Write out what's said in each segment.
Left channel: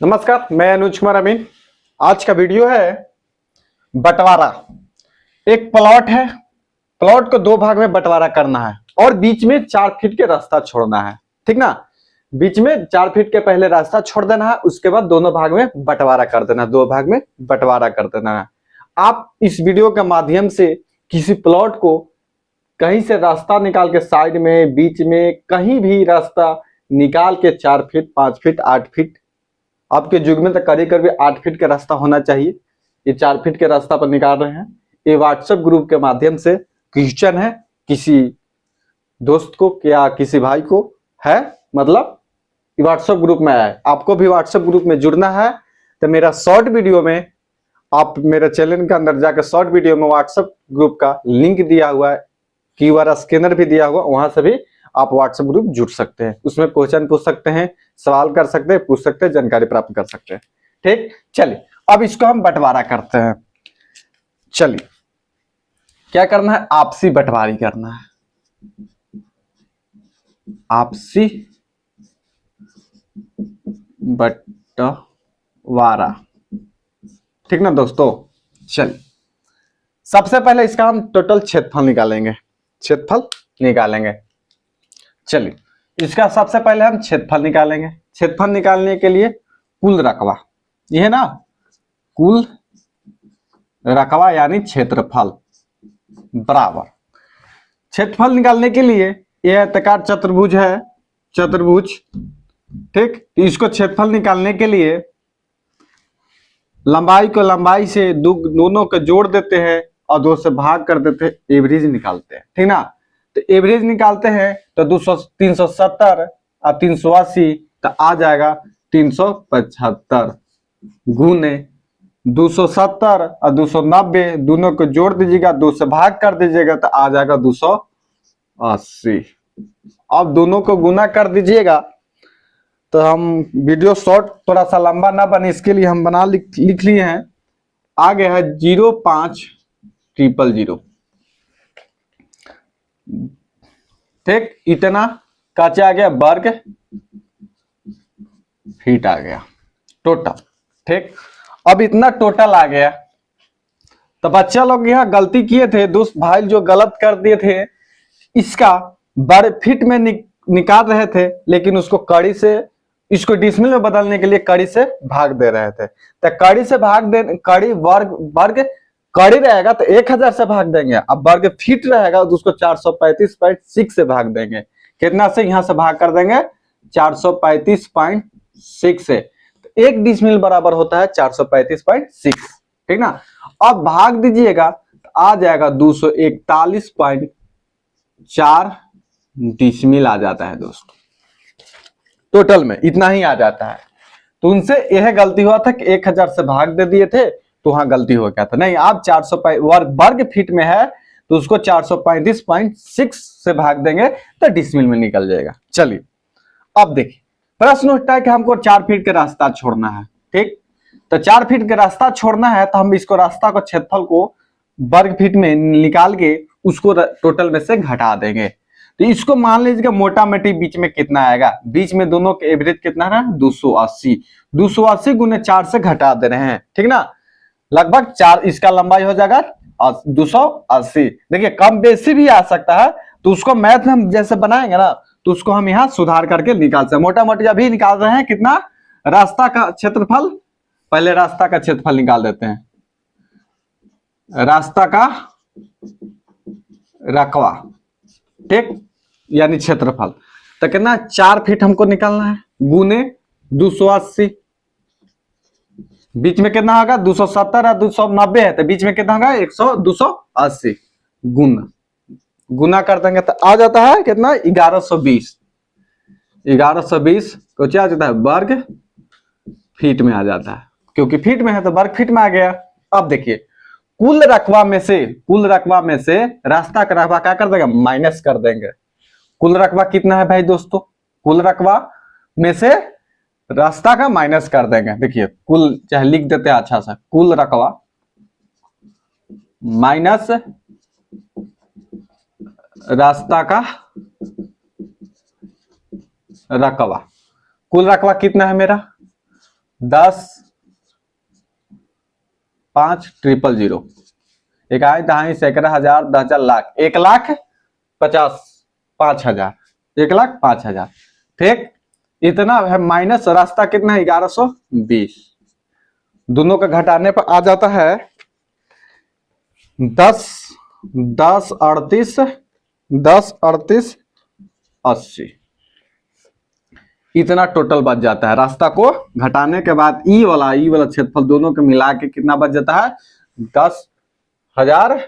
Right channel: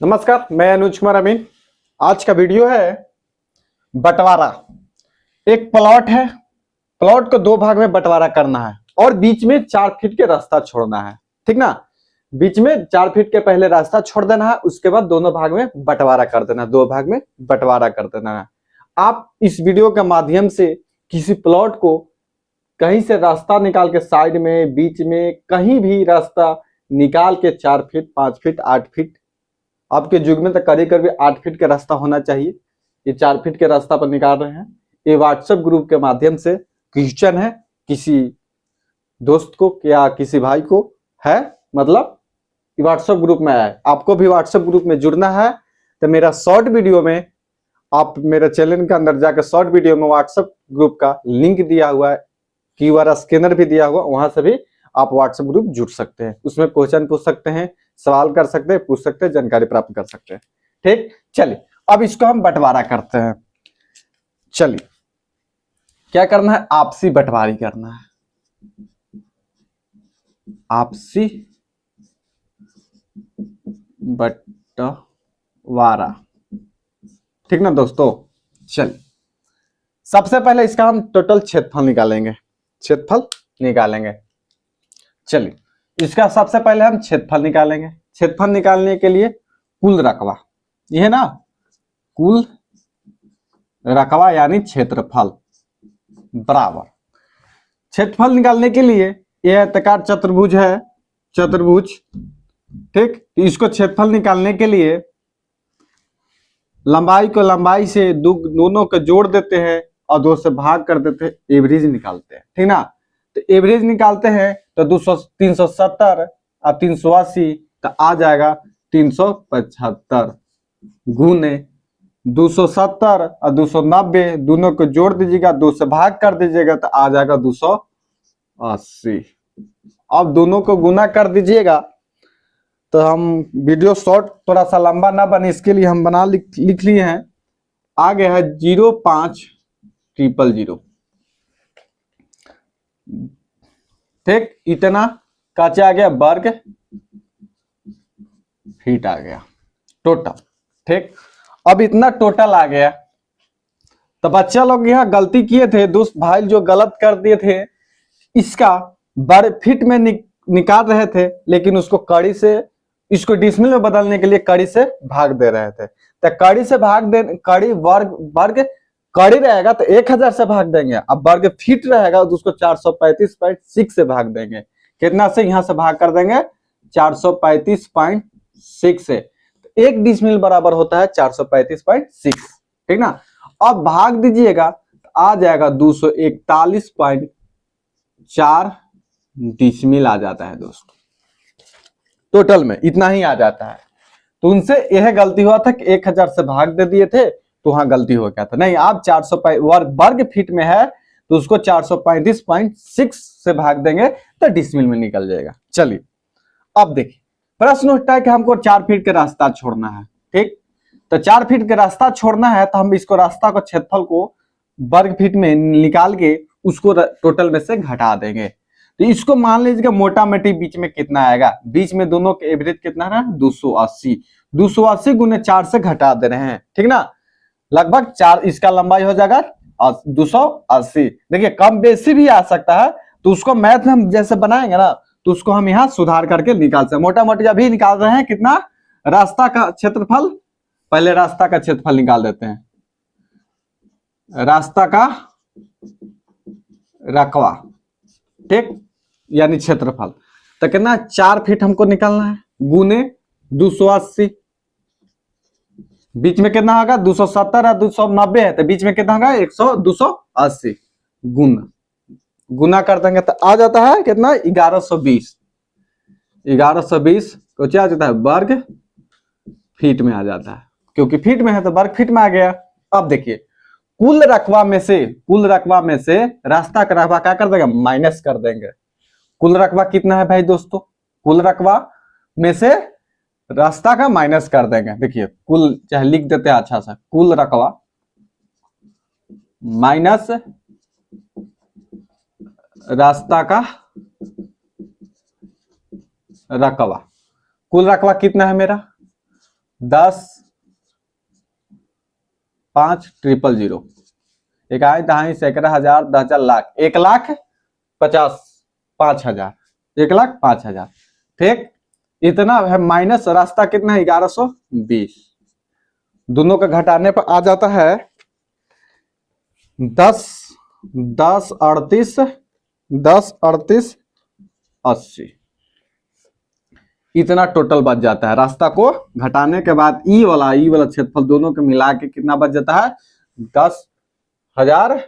नमस्कार, मैं अनुज कुमार अमीन। आज का वीडियो है बंटवारा। एक प्लॉट है, प्लॉट को दो भाग में बंटवारा करना है और बीच में 4 फीट के रास्ता छोड़ना है। ठीक ना, बीच में 4 फीट के पहले रास्ता छोड़ देना है, उसके बाद दोनों भाग में बंटवारा कर देना है, 2 भाग में बंटवारा कर देना है। आप इस वीडियो के माध्यम से किसी प्लॉट को कहीं से रास्ता निकाल के साइड में, बीच में, कहीं भी रास्ता निकाल के 4 फीट, 5 फीट, 8 फीट, आपके युग में तो करीब करीब 8 फीट का रास्ता होना चाहिए। ये 4 फीट के रास्ता पर निकाल रहे हैं। ये व्हाट्सएप ग्रुप के माध्यम से क्वेश्चन है, किसी दोस्त को या किसी भाई को है, मतलब व्हाट्सएप ग्रुप में है। आपको भी व्हाट्सएप ग्रुप में जुड़ना है तो मेरा शॉर्ट वीडियो में, आप मेरे चैनल के अंदर जाकर शॉर्ट वीडियो में व्हाट्सएप ग्रुप का लिंक दिया हुआ है, क्यूआर स्कैनर भी दिया हुआ, वहां से भी आप व्हाट्सएप ग्रुप जुड़ सकते हैं। उसमें क्वेश्चन पूछ सकते हैं, सवाल कर सकते हैं, पूछ सकते हैं, जानकारी प्राप्त कर सकते हैं। ठीक, चलिए अब इसको हम बंटवारा करते हैं। चलिए क्या करना है, आपसी बंटवारी करना है, आपसी बंटवारा। ठीक ना दोस्तों, चलिए सबसे पहले इसका हम टोटल क्षेत्रफल निकालेंगे, क्षेत्रफल निकालेंगे। चलिए इसका सबसे पहले हम क्षेत्रफल निकालेंगे। क्षेत्रफल निकालने के लिए कुल रकबा, ये है ना, कुल रकबा यानी क्षेत्रफल बराबर, क्षेत्रफल निकालने के लिए यह आयताकार चतुर्भुज है, चतुर्भुज। ठीक, इसको क्षेत्रफल निकालने के लिए लंबाई को लंबाई से दोनों को जोड़ देते हैं और 2 से भाग कर देते हैं, एवरेज निकालते हैं। ठीक ना, तो एवरेज निकालते हैं तो 370 और 380, तो आ जाएगा 375 गुने 270 और 290, दोनों को जोड़ दीजिएगा, 2 से भाग कर दीजिएगा तो आ जाएगा 280। अब दोनों को गुना कर दीजिएगा। तो हम वीडियो शॉर्ट थोड़ा सा लंबा ना बने इसके लिए हम बना लिख लिए हैं। आ गया है 05000। ठीक, इतना काचे आ गया, वर्ग फीट आ गया टोटल। ठीक, अब इतना टोटल आ गया तो बच्चा लोग यहाँ गलती किए थे, दोस्त भाई जो गलत कर दिए थे, इसका वर्ग फीट में निकाल रहे थे, लेकिन उसको कड़ी से, इसको डिसमिल में बदलने के लिए कड़ी से भाग दे रहे थे। तो कड़ी से भाग दे, कड़ी वर्ग वर्ग कड़ी रहेगा तो 1000 से भाग देंगे, अब वर्ग फीट रहेगा तो उसको 435.6 से भाग देंगे। कितना से, यहां से भाग कर देंगे 435.6 से। तो 1 डिसमिल बराबर होता है 435.6। ठीक ना, अब भाग दीजिएगा तो आ जाएगा 241.4 डिसमिल आ जाता है दोस्तों। टोटल में इतना ही आ जाता है। तो उनसे यह गलती हुआ था कि 1000 से भाग दे दिए थे, तो वहां गलती हो गया था। नहीं, आप 400 वर्ग फीट में है तो उसको 435.6 से भाग देंगे तो डिसमिल में निकल जाएगा। चलिए अब देखिए, प्रश्न उठता है कि हमको 4 फीट का रास्ता छोड़ना है। ठीक, तो 4 फीट का रास्ता छोड़ना है तो हम इसको रास्ता को, क्षेत्रफल को वर्ग फीट में निकाल के उसको टोटल में से घटा देंगे। तो इसको मान लीजिए मोटा मोटी बीच में कितना आएगा, बीच में दोनों के एवरेज कितना है, 280। 280 गुने 4 से घटा दे रहे हैं। ठीक ना, लगभग 4, इसका लंबाई हो जाएगा 280। देखिए कम बेसी भी आ सकता है, तो उसको मैथ हम जैसे बनाएंगे ना, तो उसको हम यहाँ सुधार करके निकाल सकते हैं। मोटा मोटी अभी निकाल रहे हैं कितना, रास्ता का क्षेत्रफल, पहले रास्ता का क्षेत्रफल निकाल देते हैं, रास्ता का रकबा। ठीक, यानी क्षेत्रफल, तो कितना, 4 फीट हमको निकालना है, गुने 280। बीच में कितना होगा, 270 और 290 है, तो बीच में कितना होगा, 280 गुना गुना कर देंगे तो आ जाता है कितना, 1120। 1120 को क्या आ जाता है, वर्ग फीट में आ जाता है, क्योंकि फीट में है तो वर्ग फीट में आ गया। अब देखिए, कुल रकबा में से, कुल रकबा में से रास्ता का रकबा क्या कर देंगे, माइनस कर देंगे। कुल रकबा कितना है भाई दोस्तों, कुल रकबा में से रास्ता का माइनस कर देंगे। देखिए कुल, चाहे लिख देते हैं अच्छा सा, कुल रकबा माइनस रास्ता का रकबा। कुल रकबा कितना है मेरा, 10,5,000 इकाई दहाई सैकड़ा हजार 10,000 लाख 1,50,5,000 1,05,000 ठीक। इतना है माइनस रास्ता कितना है 1120 दोनों का घटाने पर आ जाता है 10,38,80 इतना टोटल बच जाता है। रास्ता को घटाने के बाद ई वाला क्षेत्रफल दोनों के मिला के कितना बच जाता है 10,000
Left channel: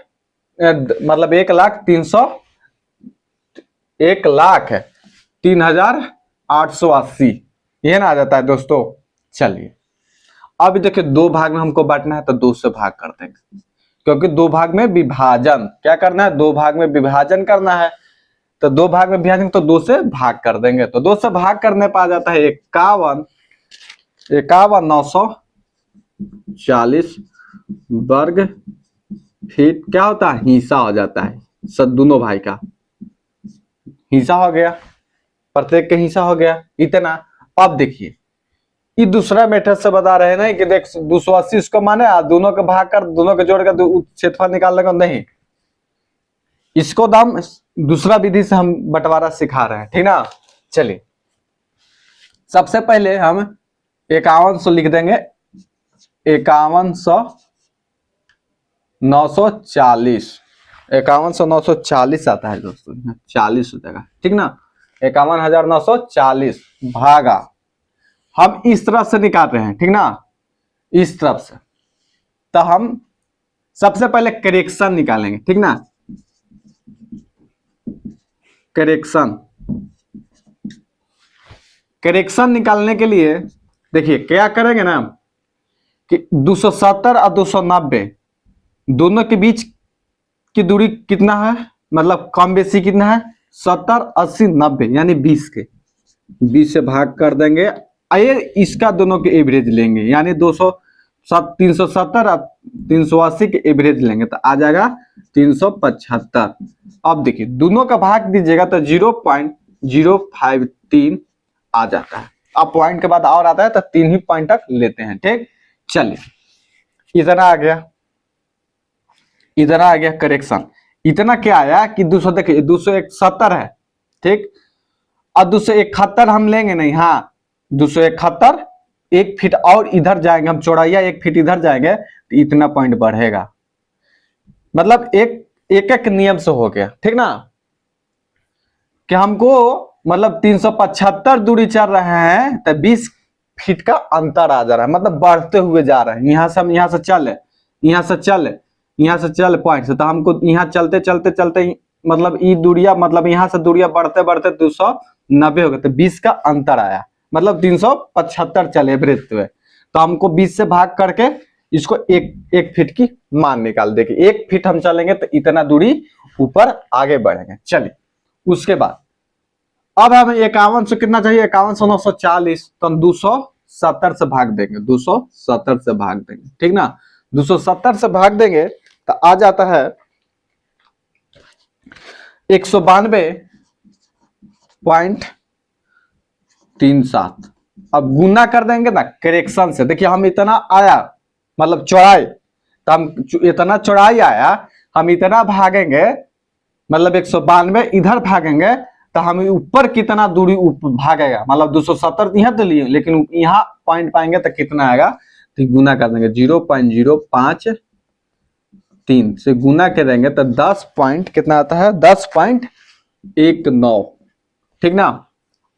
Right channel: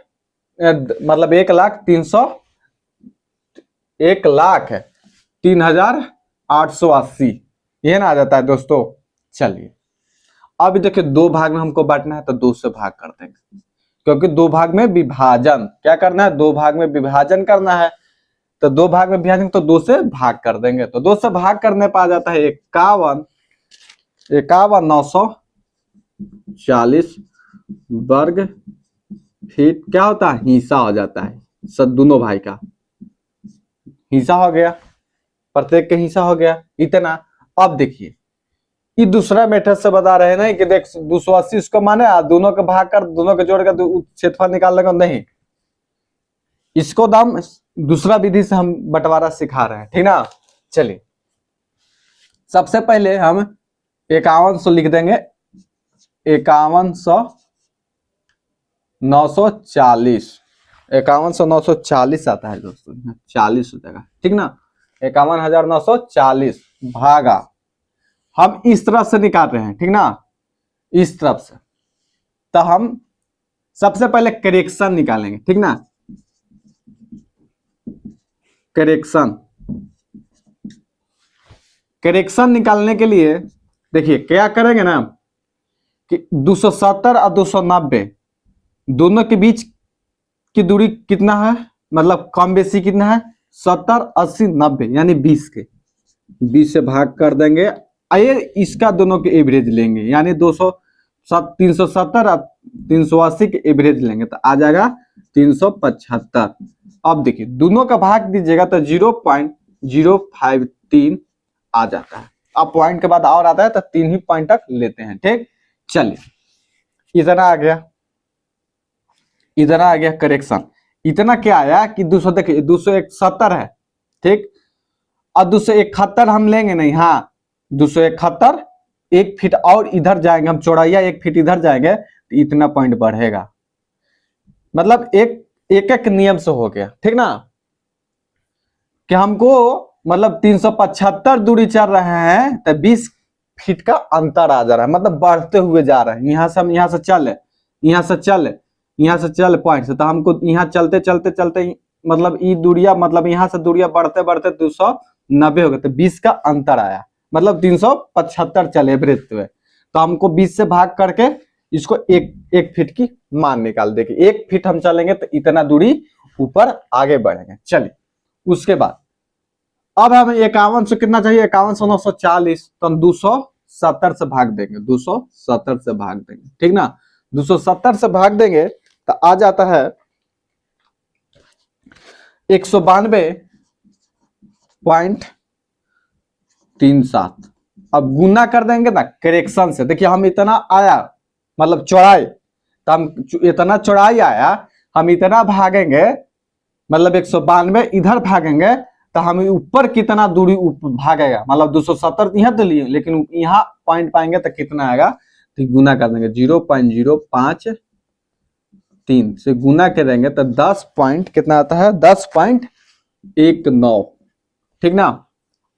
मतलब 1,03,880 ये ना आ जाता है दोस्तों। चलिए अब देखिए दो भाग में हमको बांटना है तो 2 से भाग कर देंगे क्योंकि दो भाग में विभाजन क्या करना है 2 भाग में विभाजन करना है तो 2 भाग में विभाजन तो 2 से भाग कर देंगे तो 2 से भाग करने पर आ जाता है 51,940 वर्ग फीट क्या होता है हिस्सा हो जाता है सब दोनों भाई का हिस्सा हो गया प्रत्येक का हिस्सा हो गया इतना। अब देखिए ये दूसरा मेथड से बता रहे हैं ना कि देख 280 इसको माने दोनों के भाग कर दोनों के जोड़ कर क्षेत्रफल निकालने का नहीं इसको दाम दूसरा विधि से हम बंटवारा सिखा रहे हैं ठीक ना। चलिए सबसे पहले हम 5100 लिख देंगे 51,940 51,940 आता है दोस्तों 40 हो जाएगा ठीक ना 51,940 भागा हम इस तरफ से निकाल रहे हैं ठीक ना इस तरफ से तो हम सबसे पहले करेक्शन निकालेंगे ठीक ना करेक्शन निकालने के लिए देखिए क्या करेंगे ना कि 270 और 290 दोनों के बीच की दूरी कितना है मतलब कम बेसी कितना है 70 80 90 यानी 20 के 20 से भाग कर देंगे आइए इसका दोनों के एवरेज लेंगे यानी 370 और 380 के एवरेज लेंगे तो आ जाएगा 375। अब देखिए दोनों का भाग दीजिएगा तो 0.053 आ जाता है। अब पॉइंट के बाद और आता है तो 3 ही पॉइंट तक लेते हैं ठीक। चलिए इतना आ गया करेक्शन इतना क्या आया कि 200 देखिए 271 है ठीक और 271 हम लेंगे नहीं हाँ 271 1 फीट और इधर जाएंगे हम चौड़ाइया 1 फीट इधर जाएंगे तो इतना पॉइंट बढ़ेगा मतलब एक नियम से हो गया ठीक ना कि हमको मतलब 375 दूरी चल रहे हैं तो 20 फीट का अंतर आ जा रहा है मतलब बढ़ते हुए जा रहे हैं यहाँ से हम यहाँ से चल पॉइंट से तो हमको यहाँ चलते मतलब ये दूरिया मतलब यहाँ से दूरिया बढ़ते 290 हो गए तो 20 का अंतर आया मतलब 375 चले एवरेज हुए तो हमको 20 से भाग करके इसको एक फीट की मान निकाल देंगे 1 फीट हम चलेंगे तो इतना दूरी ऊपर आगे बढ़ेंगे। चलिए उसके बाद अब हमें 51 से कितना चाहिए 51,940 तो हम 270 से भाग देंगे 270 से भाग देंगे ठीक ना 270 से भाग देंगे तो आ जाता है 192.37 अब गुना कर देंगे ना करेक्शन से देखिए हम इतना आया मतलब चौड़ाई तो हम इतना चौड़ाई आया हम इतना भागेंगे मतलब 192 इधर भागेंगे तो हम ऊपर कितना दूरी भागेगा मतलब 270 यहाँ तो लिए लेकिन यहाँ पॉइंट पाएंगे तो कितना आएगा तो गुना कर देंगे 0.053 से गुना करेंगे तो 10 पॉइंट कितना आता है 10.19 ठीक ना।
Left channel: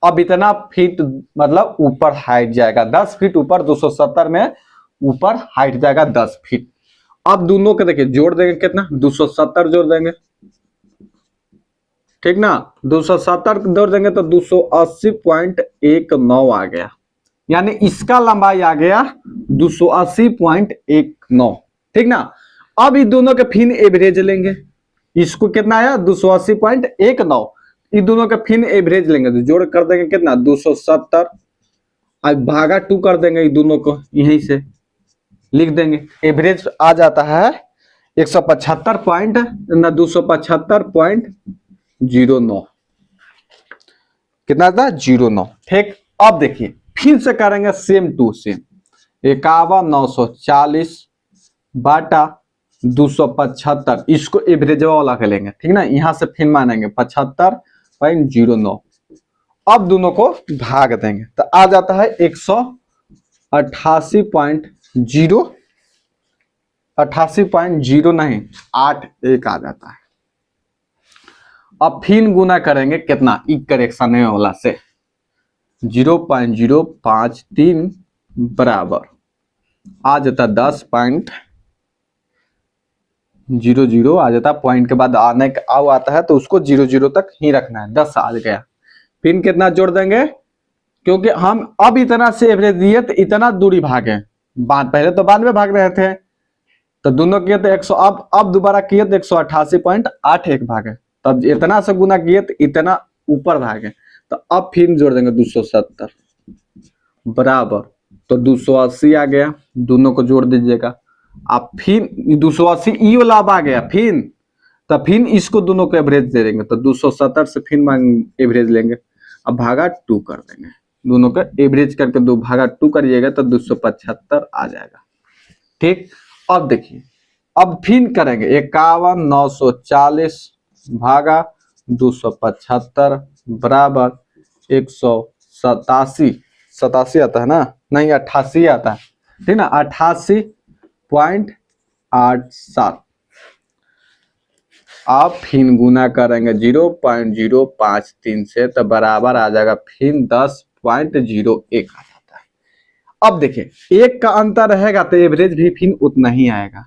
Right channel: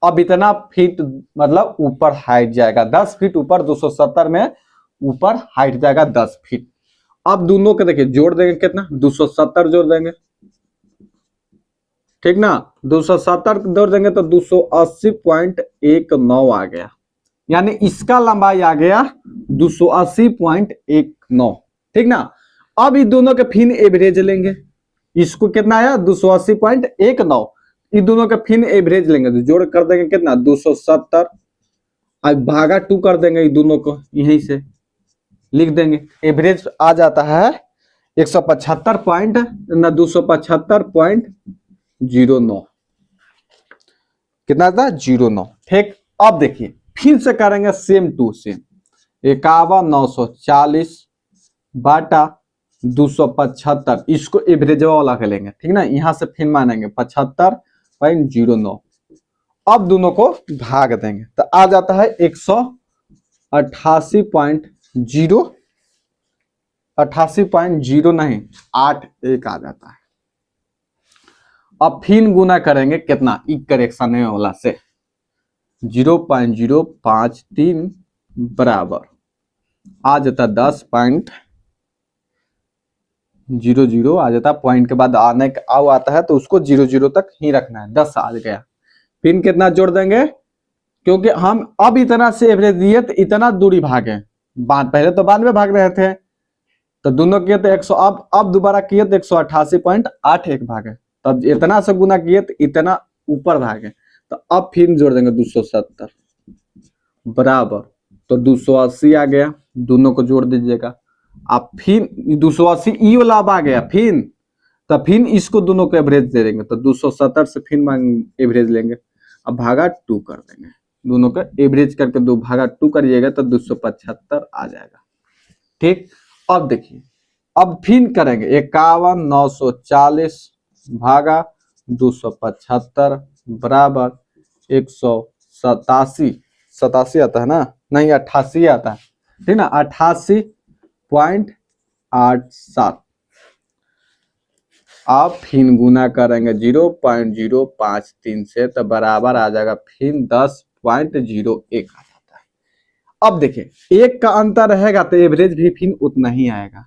अब इतना फीट मतलब ऊपर हाइट जाएगा 10 फीट ऊपर 270 में ऊपर हाइट जाएगा 10 फीट। अब दोनों के देखिए जोड़ देंगे कितना 270 जोड़ देंगे ठीक ना 270 जोड़ देंगे तो 280.19 आ गया यानी इसका लंबाई आ गया 280.19 ठीक ना। अब ये दोनों के फिर एवरेज लेंगे इसको कितना आया 280.19 ये दोनों का फिर एवरेज लेंगे तो जोड़ कर देंगे कितना 270 अब भागा 2 कर देंगे ये दोनों को यहीं से लिख देंगे एवरेज आ जाता है 275.09 कितना था 09 ठीक। अब देखिए फिर से करेंगे सेम टू सेम 51,940 बाटा 275, इसको एवरेज वाला कर लेंगे, ठीक ना। यहां से फिर मानेंगे 75.09। अब दोनों को भाग देंगे तो आ जाता है 188.0, 88.0 नहीं 81 आ जाता है। अब फिर गुना करेंगे कितना, ई करेक्शन वाला से 0.053 बराबर आ जाता 10.00 आ जाता। पॉइंट के बाद आने का आओ आता है तो उसको 00 तक ही रखना है। 10 आ गया। फिर कितना जोड़ देंगे, क्योंकि हम अब इतना से एवरेज दिए तो इतना दूरी भागे, पहले तो 92 भाग रहे थे तो दोनों किए तो 100, अब दोबारा किए तो 188.81 भागे, तब इतना से गुना किए तो इतना ऊपर भागे। तो अब फिर जोड़ देंगे 270 बराबर, तो 280 आ गया। दोनों को जोड़ दीजिएगा। अब फिर 280 ई वाला अब आ गया, फिर तो फिर इसको दोनों को एवरेज दे देंगे तो 270 से फिर एवरेज लेंगे। अब भागा 2 कर देंगे, दोनों का एवरेज करके 2 भागा 2 करिएगा तो 275 आ जाएगा। ठीक, अब देखिए, अब फिर करेंगे 51,940 भागा 275 बराबर 187, 87 आता है ना, नहीं 88 आता है, ठीक ना, 88.87। आप फिर गुना करेंगे 0.053 से तो बराबर आ जाएगा फिर 10.01 आ जाता है। अब देखिए एक का अंतर रहेगा तो एवरेज भी फिर उतना ही आएगा,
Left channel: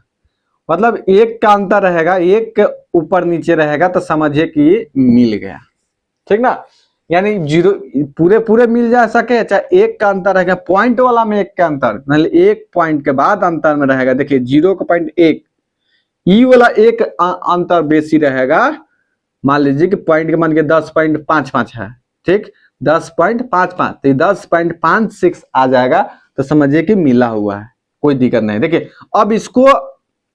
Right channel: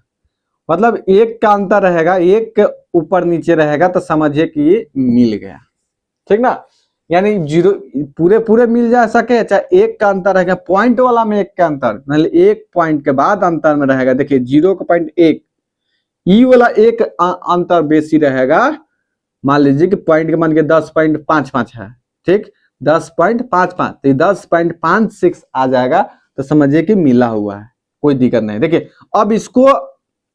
मतलब एक का अंतर रहेगा, एक के ऊपर नीचे रहेगा तो समझिए कि ये मिल गया, ठीक ना। यानी जीरो पूरे पूरे मिल जा सके, चाहे एक का अंतर रहेगा, पॉइंट वाला में एक का अंतर, मतलब एक पॉइंट के बाद अंतर में रहेगा। देखिए 0.1 ई वाला एक अंतर बेसी रहेगा। मान लीजिए कि पॉइंट के मान के 10.55 है, ठीक, 10.55 तो 10.56 आ जाएगा तो समझिए कि मिला हुआ है, कोई दिक्कत नहीं। देखिए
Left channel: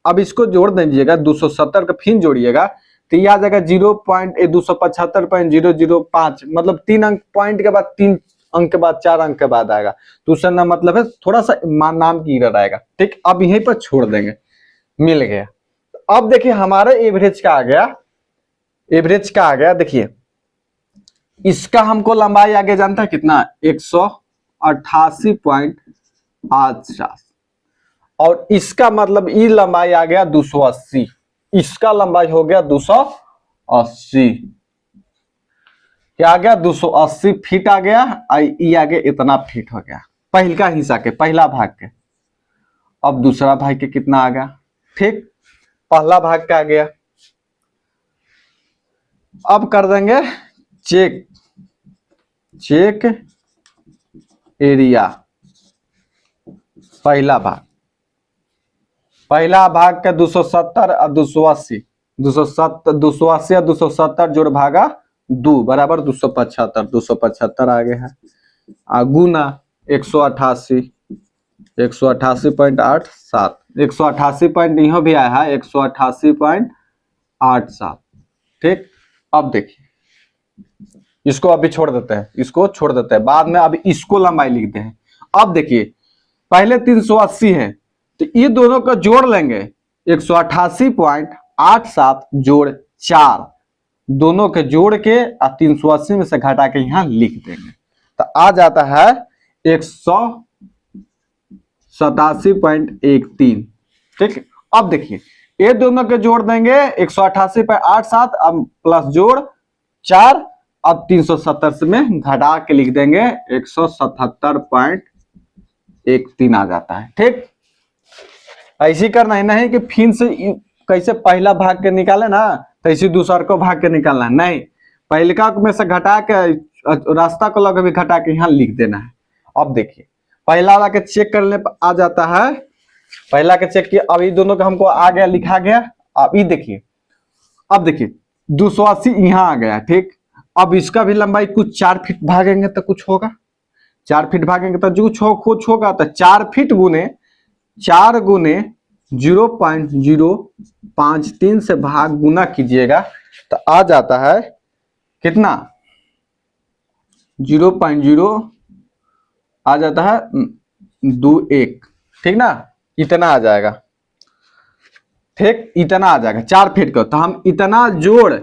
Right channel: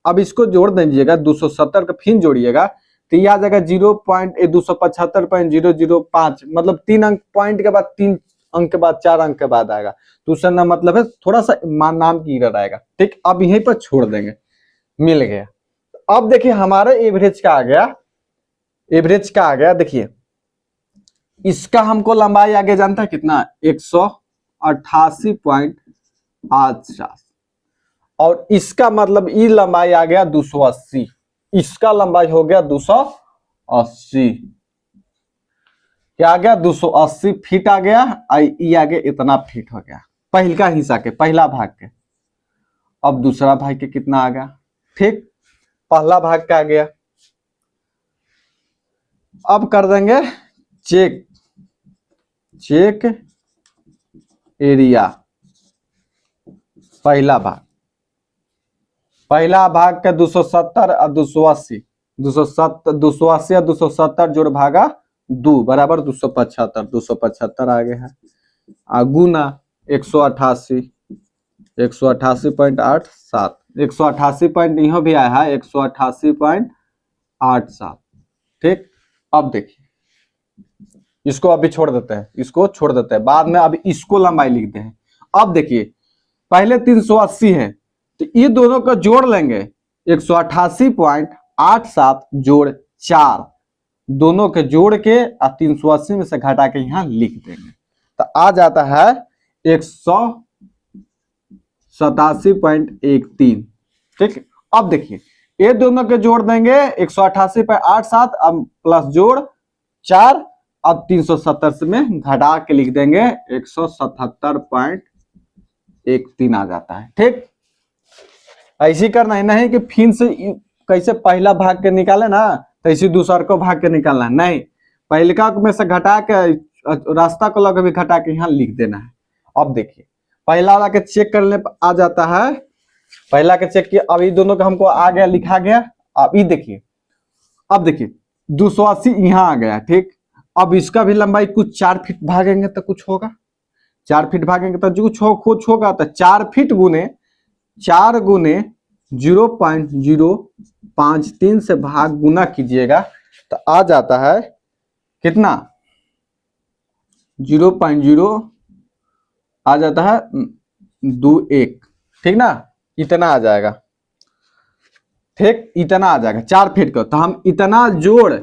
अब इसको जोड़ दीजिएगा 270 का फिर जोड़िएगा तो ये आ जाएगा 275.005, मतलब 3 अंक, पॉइंट के बाद 3 अंक के बाद 4 अंक के बाद आएगा। दूसरा ना मतलब है थोड़ा सा नाम की एरर आएगा, ठीक। अब यहीं पर छोड़ देंगे, मिल गया। अब देखिए हमारा एवरेज का आ गया, एवरेज का आ गया। देखिए इसका हमको लंबाई आगे जानता है कितना, 188.8, और इसका मतलब ई लंबाई आ गया 280, इसका लंबाई हो गया 280, क्या आ गया 280 फीट आ गया, ई आ गया इतना फीट हो गया पहला हिस्सा के, पहला भाग के। अब दूसरा भाग के कितना आ गया, ठीक, पहला भाग का आ गया। अब कर देंगे चेक, चेक एरिया, पहला भाग, पहला भाग का 270 और 280, 280 और 270 जोड़ भागा 2 बराबर 275, 275 आ गया है। गुना 188, 188.87, 188 पॉइंट यहाँ भी आया है 188.87, ठीक। अब देखिए इसको अभी छोड़ देते हैं, इसको छोड़ देते हैं, बाद में अभी इसको लंबाई लिखते हैं। अब देखिए पहले 380 है तो ये दोनों का जोड़ लेंगे 188.87 जोड़ 4, दोनों के जोड़ के 380 में से घटा के यहां लिख देंगे तो आ जाता है 187.13, ठीक। अब देखिए ये दोनों के जोड़ देंगे 188.87 अब प्लस जोड़ 4, अब 370 में घटा के लिख देंगे 177.13 आ जाता है, ठीक। ऐसे करना है, नहीं कि फिर से कैसे पहला भाग के निकाले ना तो ऐसे दूसरा को भाग के निकालना है, नहीं, पहलका में से घटा के रास्ता को लगे भी घटा के यहाँ लिख देना है। अब देखिए पहला वाला के चेक करने पर आ जाता है, पहला के चेक किया, अब ये दोनों का हमको आ गया, लिखा गया। अब ये देखिए, अब देखिए 280 यहाँ आ गया, ठीक। अब इसका भी लंबाई कुछ 4 फीट भागेंगे तो कुछ होगा, 4 फीट भागेंगे तो जो कुछ होगा, तो 4 फीट गुने 4 गुने 0.053 से भाग गुना कीजिएगा तो आ जाता है कितना, 0.0 आ जाता है 21, ठीक ना, इतना आ जाएगा, ठीक, इतना आ जाएगा 4 फीट का। तो हम इतना जोड़,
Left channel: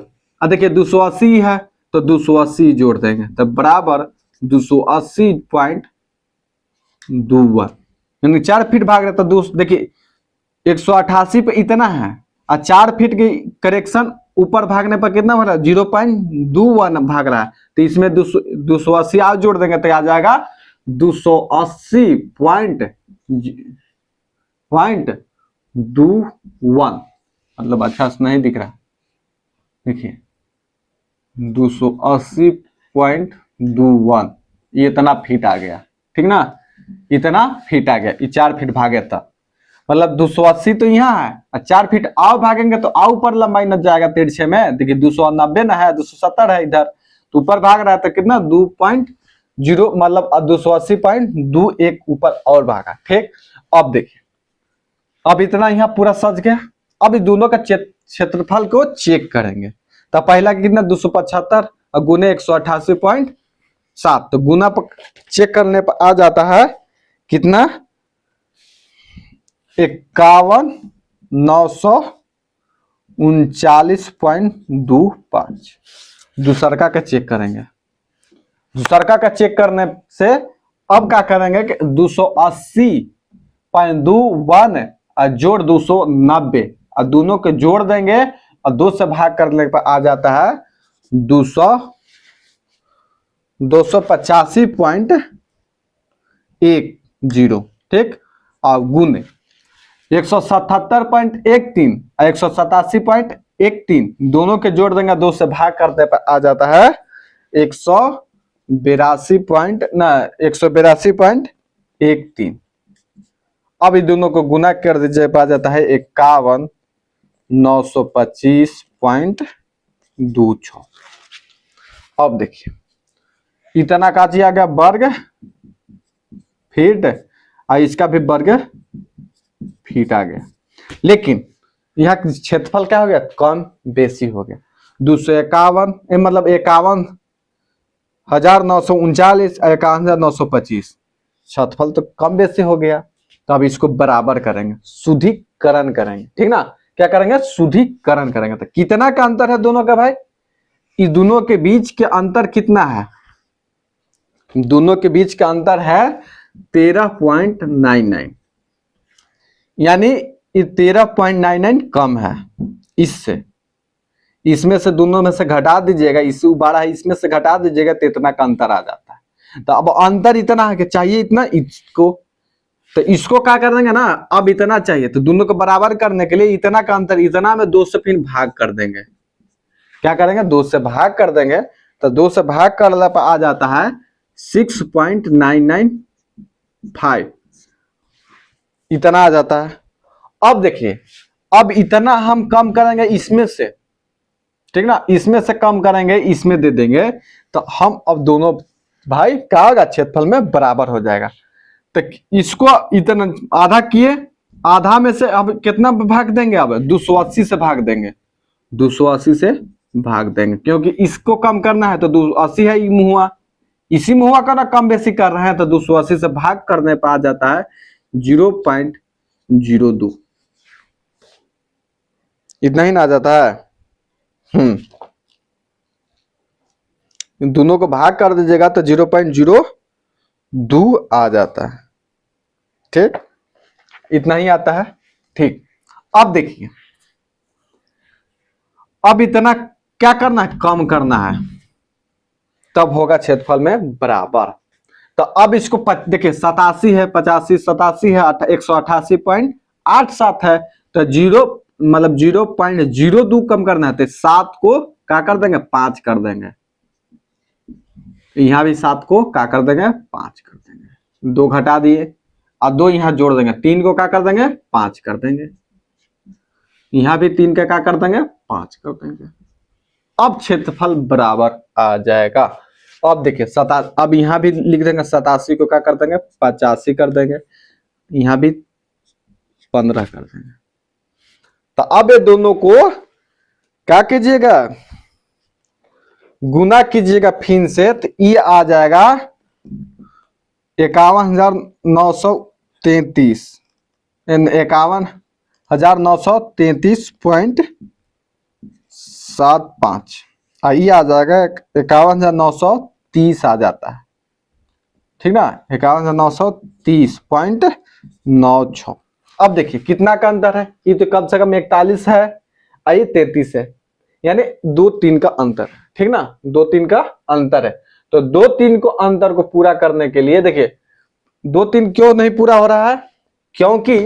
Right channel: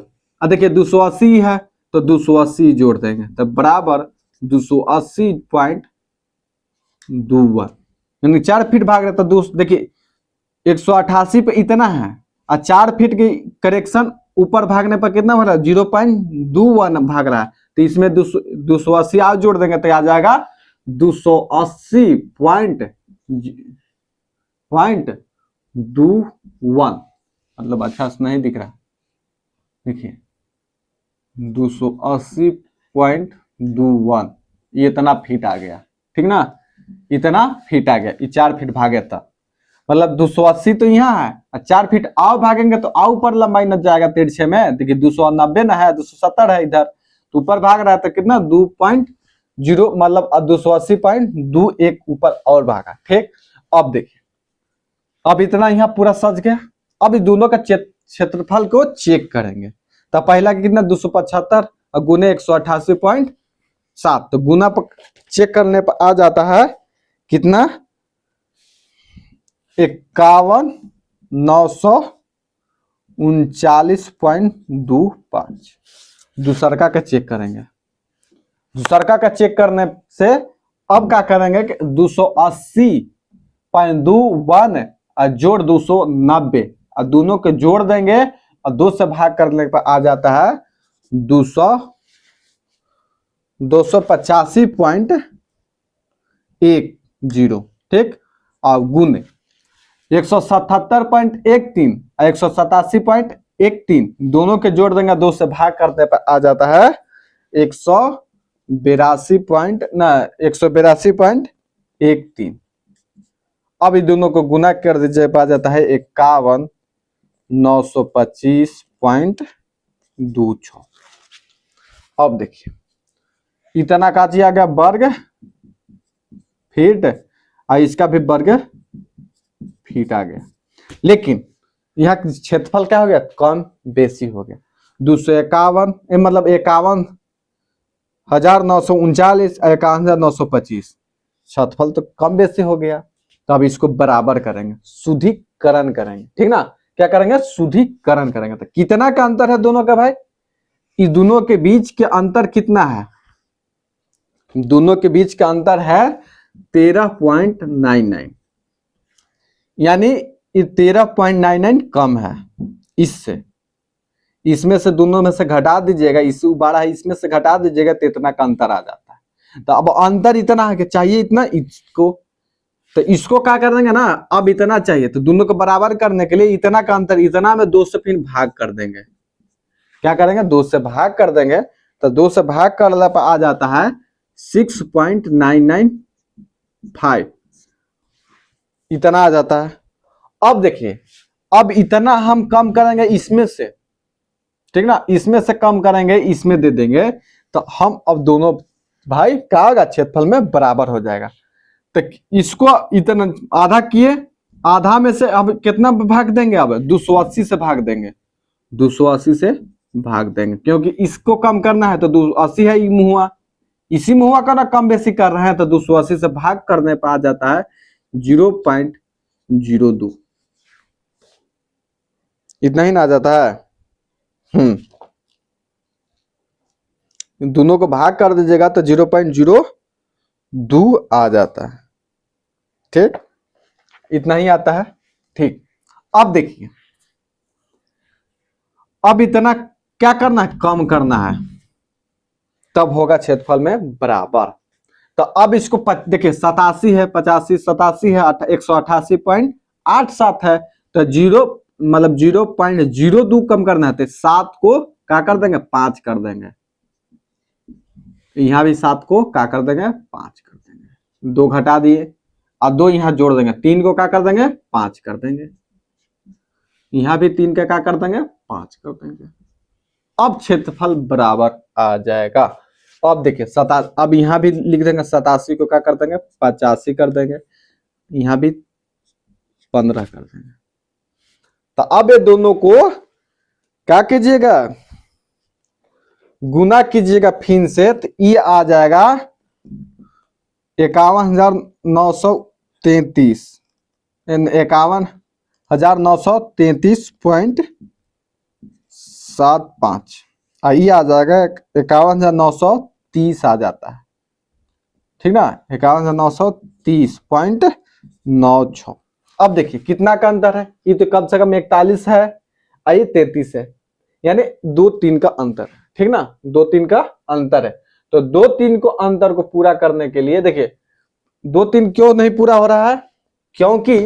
देखिए 280 है तो 280 जोड़ देंगे, तो बराबर 280.21, यानी 4 फीट भाग रहे तो देखिए 188 पे इतना है, और 4 फीट की करेक्शन ऊपर भागने पर कितना हो रहा है, 0.21 भाग रहा है, तो इसमें 280 आज जोड़ देंगे तो आ जाएगा 280.21, मतलब अच्छा से नहीं दिख रहा, देखिए 280.21, ये इतना फीट आ गया, ठीक ना, इतना फीट आ गया, ये 4 फीट भागे तब, मतलब 280 तो यहाँ है, और 4 फीट आओ भागेंगे तो आओ ऊपर लंबाई न जाएगा तिरछे में, देखिए 290 ना है, 270 है इधर, तो ऊपर भाग रहा है तो कितना 2.0, मतलब 280.21 ऊपर और भागा, ठीक। अब देखिए, अब इतना यहाँ पूरा सज गया, अब इस दोनों का क्षेत्रफल को चेक करेंगे, तो पहला कितना 275 और गुने 188.7, तो गुना पर चेक करने पर आ जाता है कितना 51,939.25। दूसरका का चेक करेंगे, दूसरका का चेक करने से अब क्या करेंगे कि 280.21 और जोड़ 290 और दोनों के जोड़ देंगे और 2 से भाग करने पर आ जाता है 285.10, ठीक, और गुने 177.13 और 187.13 दोनों के जोड़ देंगे, 2 से भाग करने पर आ जाता है 182.13। अब इन दोनों को गुना कर दीजिए, आ जाता है 51,925.26। अब देखिए इतना का आ गया वर्ग फीट और इसका भी वर्ग फीट आ गया, लेकिन यहाँ क्षेत्रफल क्या हो गया, कम बेसी हो गया, 251 मतलब 51,939, 51,925, क्षेत्रफल तो कम बेसी हो गया, तो अब इसको बराबर करेंगे, शुद्धिकरण करेंगे, ठीक ना, क्या करेंगे, शुद्धिकरण करेंगे, तो कितना का अंतर है दोनों का भाई, इस दोनों के बीच के अंतर कितना है, दोनों के बीच का अंतर है 13.99, यानी 13.99 कम है इससे, इसमें से दोनों में से घटा दीजिएगा, इससे बड़ा है इसमें से घटा दीजिएगा तो इतना का अंतर आ जाता है, तो अब अंतर इतना है कि चाहिए इतना, इसको तो इसको क्या कर देंगे ना, अब इतना चाहिए तो दोनों को बराबर करने के लिए इतना का अंतर, इतना में 2 से फिर भाग कर देंगे, क्या करेंगे 2 से भाग कर देंगे, तो 2 से भाग करने पर आ जाता है 6.995, इतना आ जाता है। अब देखिए, अब इतना हम कम करेंगे इसमें से, ठीक ना, इसमें से कम करेंगे इसमें दे देंगे, तो हम अब दोनों भाई क्या होगा, क्षेत्रफल में बराबर हो जाएगा, तो इसको इतना आधा किए, आधा में से अब कितना भाग देंगे, अब 280 से भाग देंगे, 280 से भाग देंगे, क्योंकि इसको कम करना है तो 280 है मुहुआ, इसी मुहुआ का ना कम बेसी कर रहे हैं, तो 280 से भाग करने पर आ जाता है 0.02, इतना ही ना आ जाता है। दोनों को भाग कर दीजिएगा तो 0.02 आ जाता है, ठीक, इतना ही आता है, ठीक। अब देखिए, अब इतना क्या करना है, कम करना है, तब होगा क्षेत्रफल में बराबर, तो अब इसको देखिए 87 है, 85 87 है, 188.87 है, तो जीरो मतलब 0.02 कम करना है, तो 7 को क्या कर देंगे, 5 कर देंगे, यहां भी 7 को क्या कर देंगे, 5 कर देंगे, 2 घटा दिए और 2 यहां जोड़ देंगे, 3 को क्या कर देंगे, 5 कर देंगे, यहां भी 3 का क्या कर देंगे, 5 कर देंगे, अब क्षेत्रफल बराबर आ जाएगा। अब देखिए अब यहां भी लिख देंगे, 87 को क्या कर देंगे, 85 कर देंगे, यहां भी 15 कर देंगे, तो अब ये दोनों को क्या कीजिएगा, गुना कीजिएगा फिर से, तो ये आ जाएगा 51,933, 51,933.75, ये आ जाएगा 51,930 आ जाता है, ठीक ना, 51,930.96। अब देखिए कितना का अंतर है, ये तो कम से कम 41 है और ये 33 है, यानी 2-3 का अंतर, ठीक ना, 2-3 का अंतर है। तो 2-3 को अंतर को पूरा करने के लिए देखिए 2-3 क्यों नहीं पूरा हो रहा है, क्योंकि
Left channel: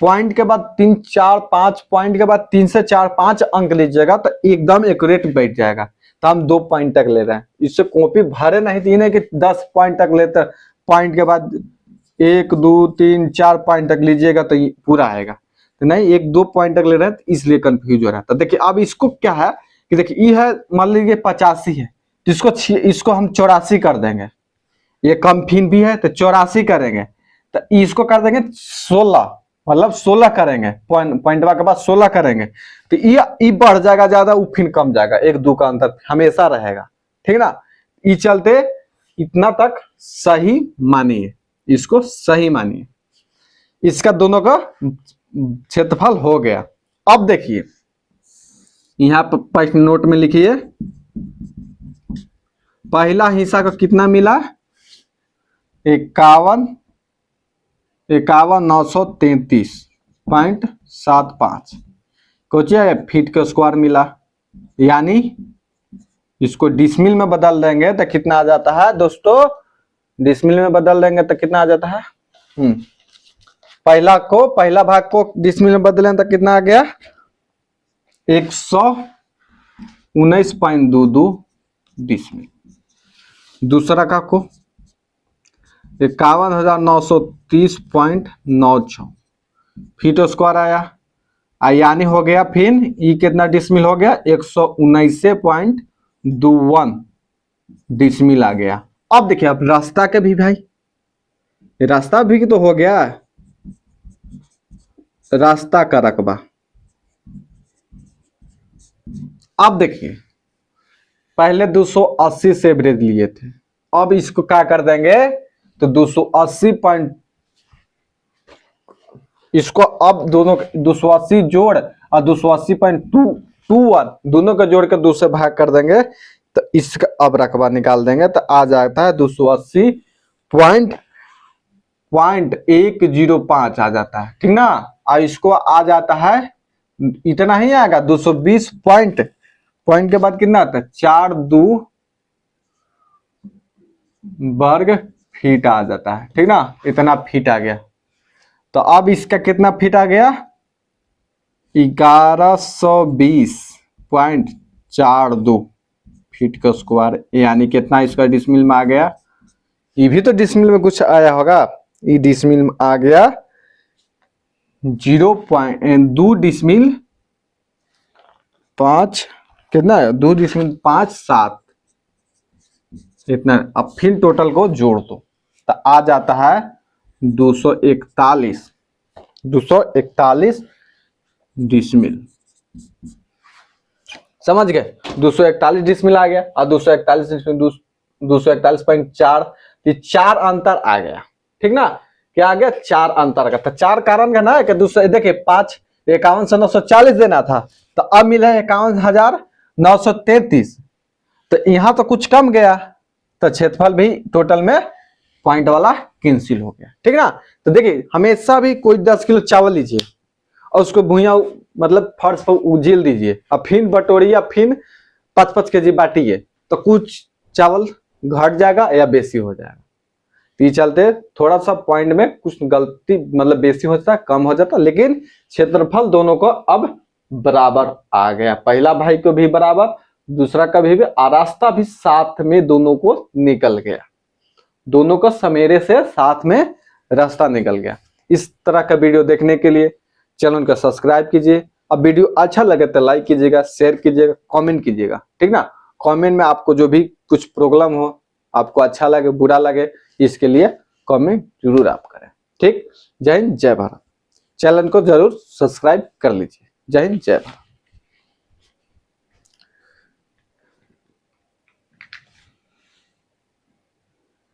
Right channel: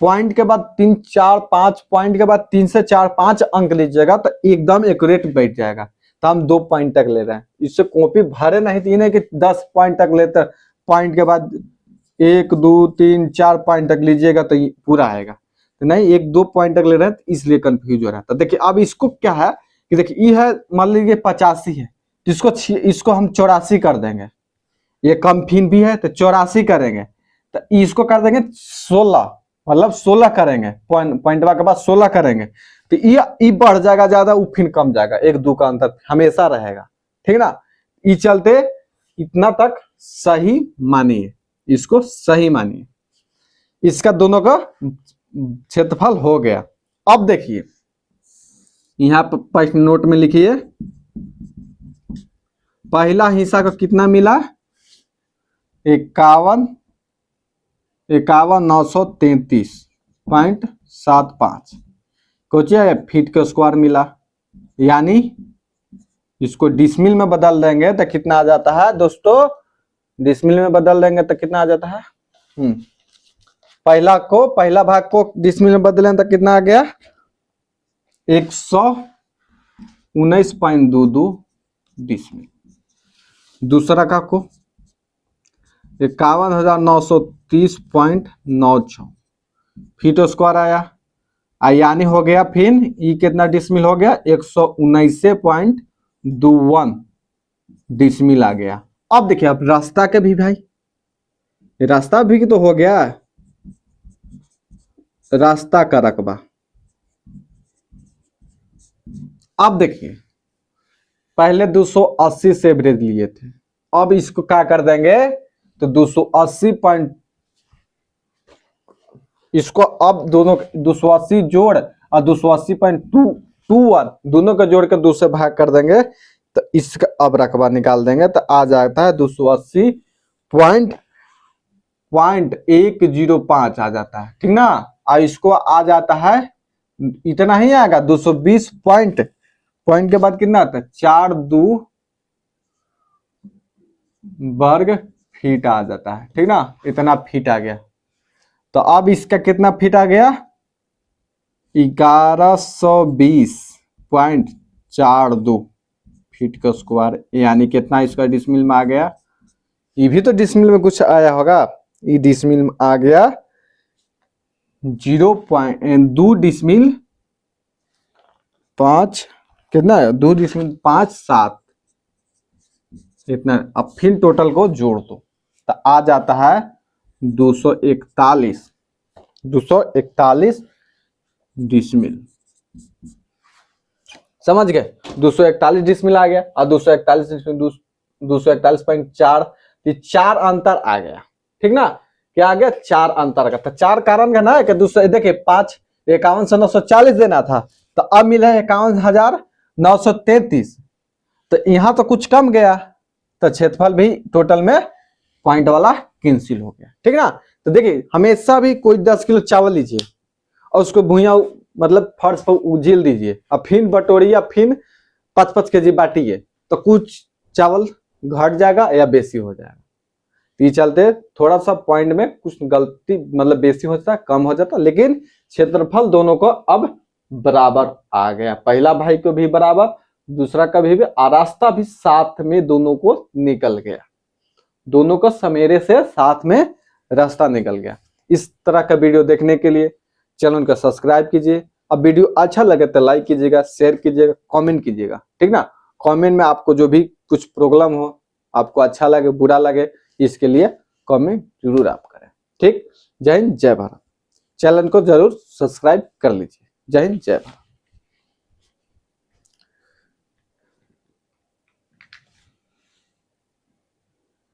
पॉइंट के बाद 3-4-5 पॉइंट के बाद 3 से 4-5 अंक लीजिएगा तो एकदम एक्यूरेट बैठ जाएगा। तो हम 2 पॉइंट तक ले रहे हैं, इससे कॉपी भरे नहीं, तीन है कि 10 पॉइंट तक लेते, पॉइंट के बाद 1-2-3-4 पॉइंट तक लीजिएगा तो ये पूरा आएगा, तो नहीं 1-2 पॉइंट तक ले रहे हैं, तो इसलिए कंफ्यूज हो रहा है। तो देखिए अब इसको क्या है कि देखिए ये है, मान लीजिए 85 है तो इसको हम 84 कर देंगे, ये कम फिन भी है तो 84 करेंगे, तो इसको कर देंगे 16, मतलब 16 करेंगे, पॉइंटवा के बाद 16 करेंगे, तो ये बढ़ जाएगा ज्यादा, वो फिर कम जाएगा, 1-2 का अंतर हमेशा रहेगा, ठीक ना। ये चलते इतना तक सही मानिए, इसको सही मानिए, इसका दोनों का क्षेत्रफल हो गया। अब देखिए यहाँ पर नोट में लिखिए, पहला हिस्सा को कितना मिला, 51,933.75 कोचिए फीट के स्क्वायर मिला, यानी इसको डिसमिल में बदल देंगे तो कितना आ जाता है दोस्तों, डिसमिल में बदल देंगे तो कितना आ जाता है, पहला भाग को डिसमिल में बदलें तो कितना आ गया, 119.22 डिसमिल। दूसरा का को 51,930.96 फीट स्क्वायर आया, यानी हो गया फिर ये कितना डिसमिल हो गया, 119.21 डिसमिल आ गया। अब देखिए अब रास्ता के भी भाई, रास्ता भी तो हो गया, रास्ता का रकबा। अब देखिए पहले 280 से एवरेज लिए थे, अब इसको क्या कर देंगे तो 280 पॉइंट, इसको अब दोनों 280 जोड़ और 280.21 दोनों का जोड़ कर 2 से भाग कर देंगे, तो इसका अब रकबा निकाल देंगे तो आ जाता है 280.105 आ जाता है, ठीक ना। और इसको आ जाता है, इतना ही आएगा 220 पॉइंट के बाद कितना आता है 4-2 वर्ग फीट आ जाता है, ठीक ना, इतना फीट आ गया। तो अब इसका कितना फीट आ गया, 1120.42 फीट का स्क्वायर, यानी कितना इसका डिसमिल में आ गया, ये भी तो डिसमिल में कुछ आया होगा, ये डिसमिल में आ गया 0.2 डिसमिल 5 कितना है, 2 डिसमिल 5-7 इतना। अब फिर टोटल को जोड़ दो तो आ जाता है 241 डिसमिल, समझ गए, 241 डिसमिल आ गया, और 241 4 अंतर आ गया, ठीक ना, क्या आ गया 4 अंतर का, तो 4 कारण का ना कि दूसरे देखिए 51 से 940 देना था, तो अब मिले 51,933, तो यहाँ तो कुछ कम गया, तो क्षेत्रफल भी टोटल में पॉइंट वाला कैंसिल हो गया, ठीक ना। तो देखिए हमेशा भी कोई 10 किलो चावल लीजिए और उसको भुइया मतलब फर्श पर उजील दीजिए, और फिर बटोरिया, फिर 5-5 केजी बांटिए, तो कुछ चावल घट जाएगा या बेसी हो जाएगा। तो ये चलते थोड़ा सा पॉइंट में कुछ गलती, मतलब बेसी हो जाता है, कम हो जाता है, लेकिन क्षेत्रफल दोनों को अब बराबर आ गया, पहला भाई को भी बराबर, दूसरा का भी, रास्ता भी साथ में दोनों को निकल गया, दोनों का समेरे से साथ में रास्ता निकल गया। इस तरह का वीडियो देखने के लिए चैनल को सब्सक्राइब कीजिए, अब वीडियो अच्छा लगे तो लाइक कीजिएगा, शेयर कीजिएगा, कमेंट कीजिएगा, ठीक ना। कमेंट में आपको जो भी कुछ प्रॉब्लम हो, आपको अच्छा लगे बुरा लगे, इसके लिए कमेंट जरूर आप करें, ठीक। जय हिंद जय भारत, चैनल को जरूर सब्सक्राइब कर लीजिए, जय हिंद जय भारत।